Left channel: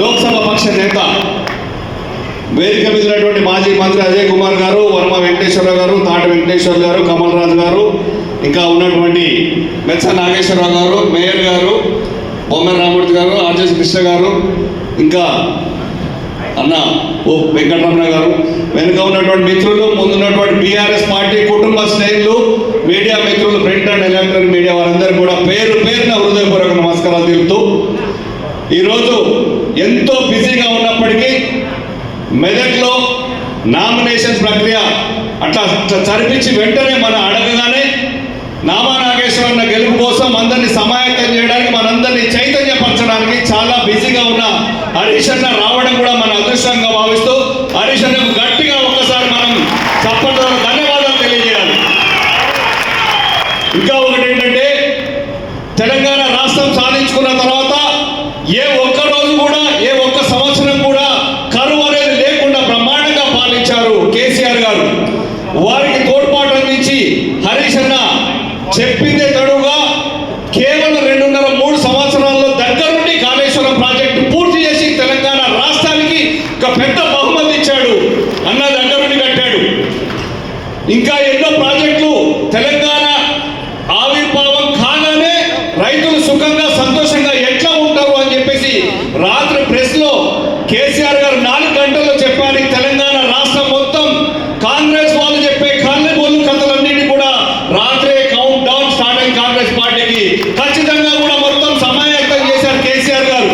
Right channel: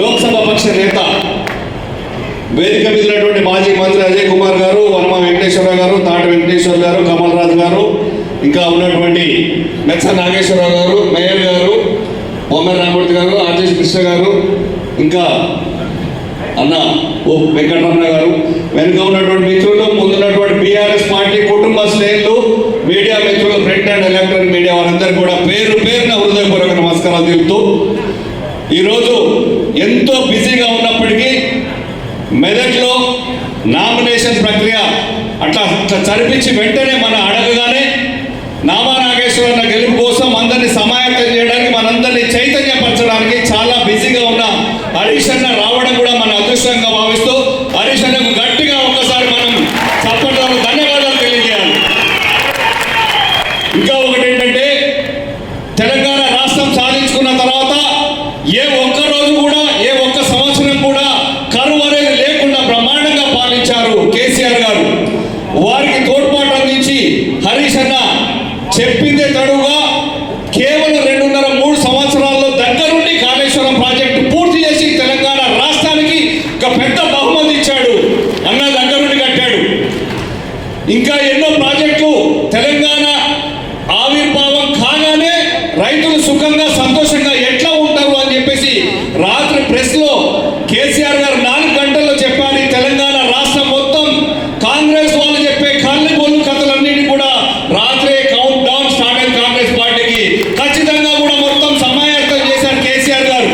లోక్సభ పక్ష నేత వేదిక మీద ఉన్నటువంటి మాజీ మంత్రి అజయ్ కుమార్ గారు, వర్మ వెంకటేశ్వరరావు గారు, తాటి వెంకటేశ్వర గారు, కమల్ రాజు గారు, ఇంకా ఉన్నటువంటి మెచ్చ నాగేశ్వరరావు గారు, మేయర్ గారు, బొమ్మ రామూర్తి గారు, ఆర్జెస్ కృష్ణ గారు, ఇంకా అన్న ఓ వెంకటరమణ గారు, వెనుక ఉన్నటువంటి మిత్రులు, ముందున్నటువంటి బీఆర్ఎస్ పార్టీ కుటుంబ శ్రేణులు, మీడియా మిత్రులు, ప్రింట్ అండ్ ఎలక్ట్రానిక్ మీడియా వారందరూ కూడా పేరు పేరున హృదయపూర్వక నమస్కారాలు తెలుపుతూ ఈరోజు ఎంతో బిజీగా ఉన్నప్పటికీ మెదక్లో నామినేషన్ ప్రక్రియ అట్లా చరిపించి వెంటనే మనం అడగగానే నామా నాగేశ్వరరావు గెలుపు కోసం అందరినీ సమాయత్తం చేయడానికి, మనందరినీ చైతన్యపరచడానికి చాలా బిజీగా ఉన్న హరీష్ అన్న రావడం కూడా మన అదృష్టంగా భావిస్తూ హరీష్ అన్నకు గట్టిగా ఒక్కసారి మనం చప్పట్ల ధన్యవాదాలు తెలియజేయాలి. ఇంకా ఒకటి ఏంటంటే, తెలంగాణ రాష్ట్రం సాధించుకున్న తర్వాత ఏ ఒక్క రోజు కూడా, ఏ ఒక్క సంవత్సరం కూడా కరువు అనేది లేకుండా బ్రహ్మాండంగా పాలించారు కేసీఆర్ గారు. వారికి తోడ్పాటు అందించి హరీష్ అన్న చెప్పిందే తడుగా కేవలం 2.5-3 సంవత్సరాల్లో దగ్గరుండి కాళేశ్వరం ప్రాజెక్టు పూర్తి చేసి తెలంగాణ రాష్ట్రానికి ఒక పెద్ద బహుమతి ఇచ్చాడు. అన్న దగ్గరుండి కట్టాడు. ఇంకా ఎన్నో ప్రాజెక్టులు తెలంగాణ ఆవిర్భావం కాగానే రైతులు సుఖంగా సంతోషంగా ఎట్లా ఉంటారు అని చెప్పేసి రాత్రి ప్రెస్ లో కేసీఆర్ గారు 4 గంటల్లో చెప్పారు. తెలంగాణ రాష్ట్రం మొత్తం కాంగ్రెస్ వాళ్ళు చెప్పే కళ్ళు బొల్లు కథలన్నిటి కూడా రాత్రే కౌంట్ డౌన్ స్టార్ట్ అయిన కాంగ్రెస్ పార్టీకి ఖచ్చితంగా కూడా మొత్తం సమాయత్తం చేశారు కేసీఆర్ గారు.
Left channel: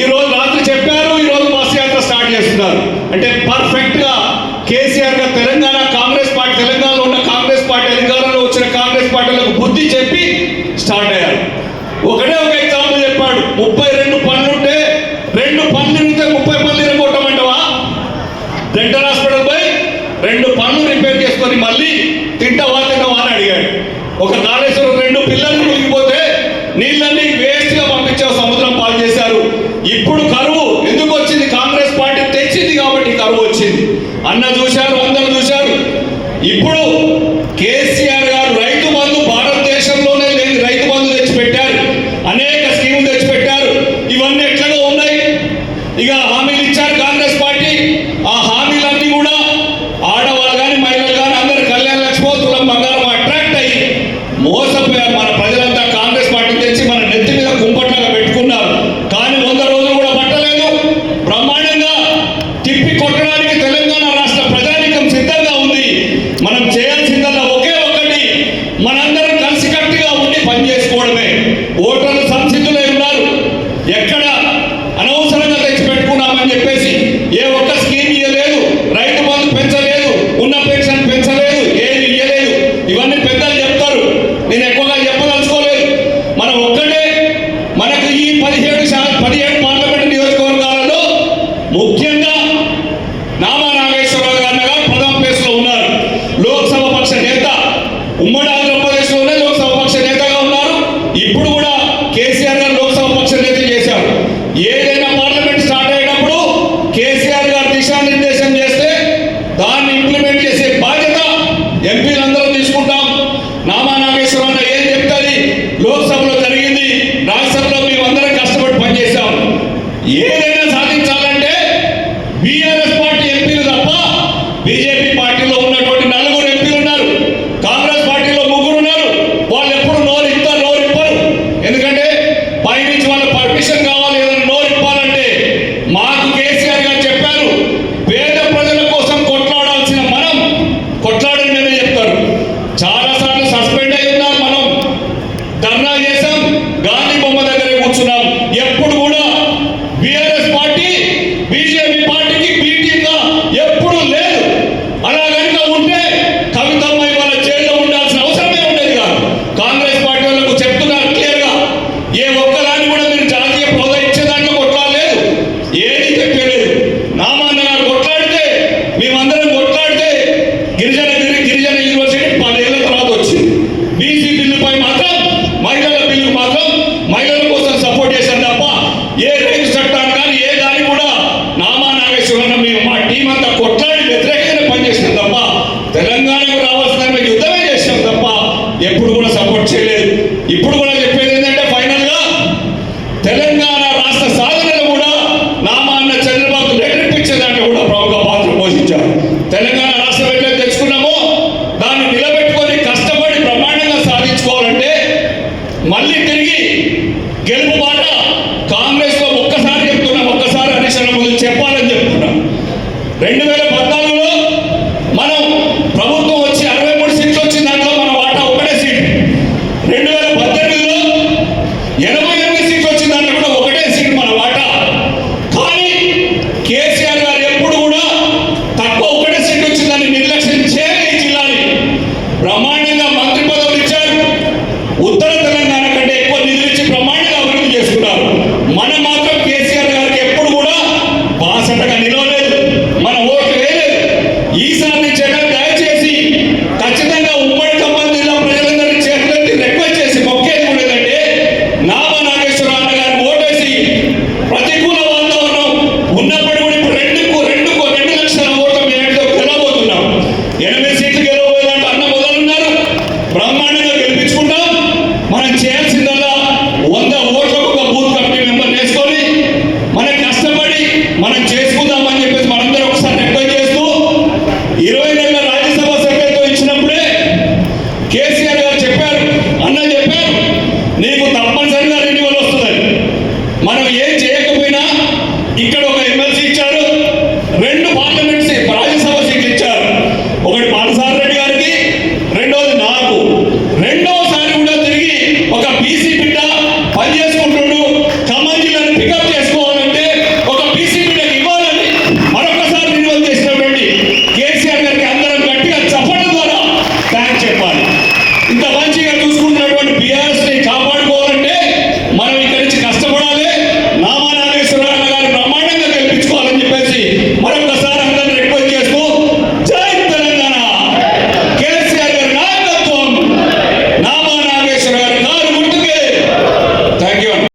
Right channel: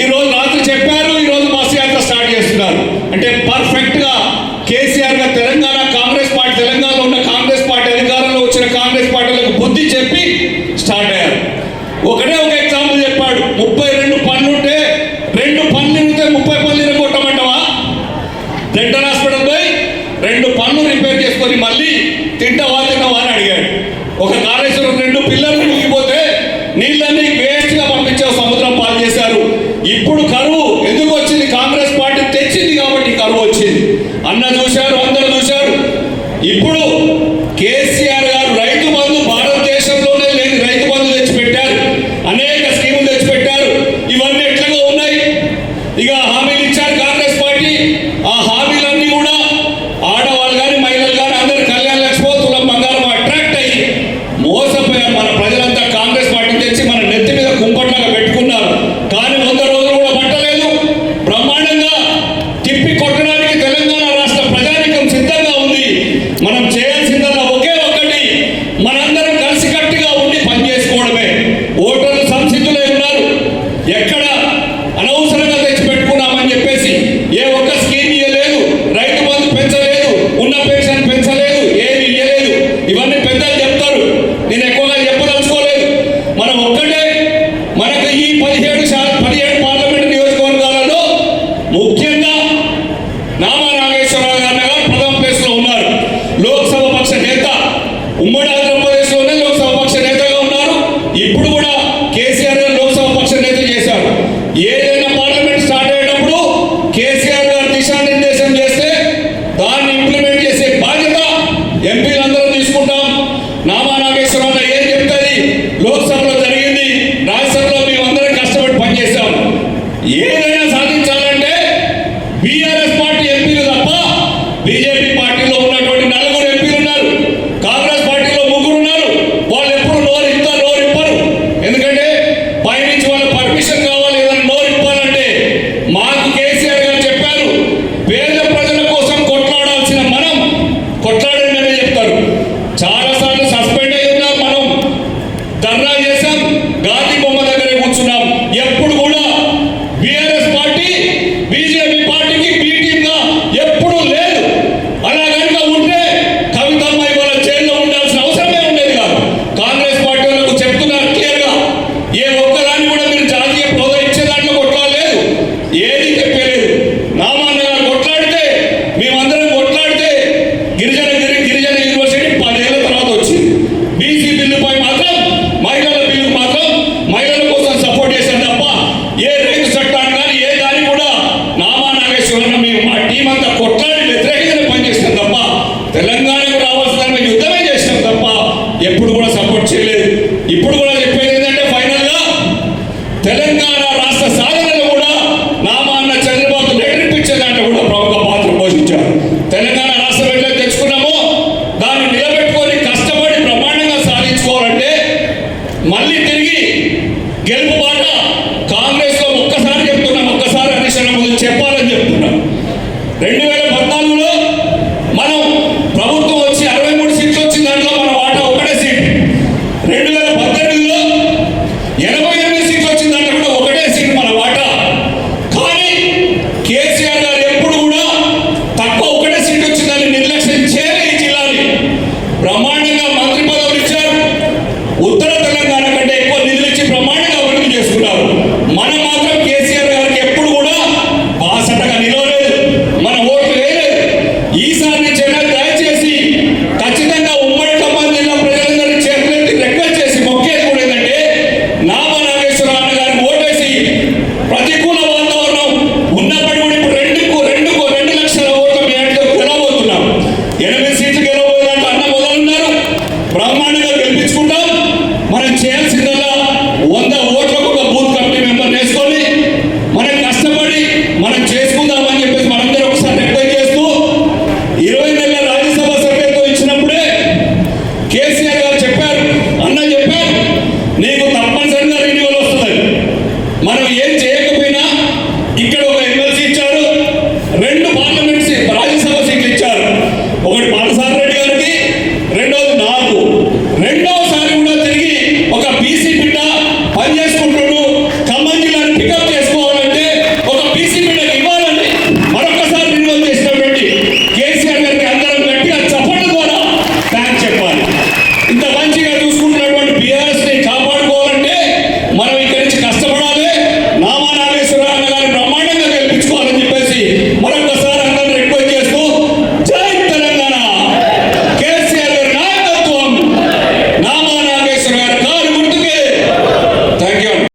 ఈ రోజు రాత్రి చెప్పారు, ఈ రోజు బస్ యాత్ర స్టార్ట్ చేస్తున్నారు. అంటే పర్ఫెక్ట్ గా కేసీఆర్ గారు తెలంగాణ కాంగ్రెస్ పార్టీ, తెలంగాణలో ఉన్న కాంగ్రెస్ పార్టీ, అధికారంలో వచ్చిన కాంగ్రెస్ పార్టీలకు బుద్ధి చెప్పి స్టార్ట్ అయ్యారు. ఒకటే ఒక ఎగ్జాంపుల్ చెప్పాడు. 32 పనులు ఉంటే 2 పనులు ఉంటే 30 పనులు ఇరగొట్టమంటావా? డెంటల్ హాస్పిటల్ పోయి 2 పనులు రిపేర్ చేసుకొని మళ్ళీ తింటావా అని అడిగాడు. ఒక కాళేశ్వరం 2 పిల్లలు మునిగిపోతే నీళ్ళన్నీ వేస్ట్ గా పంపించే సముద్రం పాలు చేశారు. ఇప్పుడు కరువు ఎందుకు వచ్చింది? కాంగ్రెస్ పార్టీ తెచ్చింది కాబట్టి కరువు వచ్చింది. అన్న చూశారు, అందరూ చూశారు. ఇప్పుడు కేసీఆర్ గారు రైతు బంధు, భారతదేశంలోనే లేని రైతు బంధు తెచ్చిపెట్టారు. అనేక స్కీములు తెచ్చిపెట్టారు. ఇవన్నీ ఎట్లా ఉన్నాయి? ఇక హామీలు ఇచ్చారు కాంగ్రెస్ పార్టీ. ఆ హామీలన్నీ కూడా ఆడవాళ్ళు కానీ మహిళలు కానీ అందరూ కళ్యాణ లక్ష్మి, తులం బంగారం అట్రాక్ట్ అయ్యి మోసపోయారు. మన ప్రజలంతా కాంగ్రెస్ పార్టీ తెచ్చి మన నెత్తి మీద కుంపట్లాగా పెట్టుకున్నారు. కానీ 100 రోజులు కూడా పట్టలేదు. బ్రహ్మాండంగా తిప్పి కొట్టడానికి తెలంగాణ రాష్ట్ర ప్రజానీకం సిద్ధంగా ఉంది. మనం చేయాల్సిందల్లా ఒకే ఒకటి, మనందరం కలిసికట్టుగా ఉండి పనిచేసుకోవడమే. ఓటర్లు సంసిద్ధులై ఉన్నారు. ఎక్కడ అనవసరంగా తెచ్చి పెట్టుకున్నామని చెప్పేసి ఏ ఒక్క స్కీమ్ ఇవ్వలేదు, రైతు బంధు పెంచలేదు, ఉన్న పెన్షన్ పెంచలేదు, ఏది ఇవ్వలేదు. ఇవన్నీ పెద్దలు చెప్తారు, నేను ఎక్కువగా చెప్పదలుచుకోలేదు. మనం ఒక్కటే, మనకు ఈ 17 పార్లమెంట్ నియోజకవర్గాలలో ముఖ్యంగా నామా నాగేశ్వరరావు గారు ప్రథమ ప్లేస్ లో ఉన్నారు. లోక్సభ పక్ష నేత, ఉమ్మడి ఆంధ్రప్రదేశ్ లోనే లోక్సభ పక్ష నేతగా ఉన్నారు. ఇప్పుడు కూడా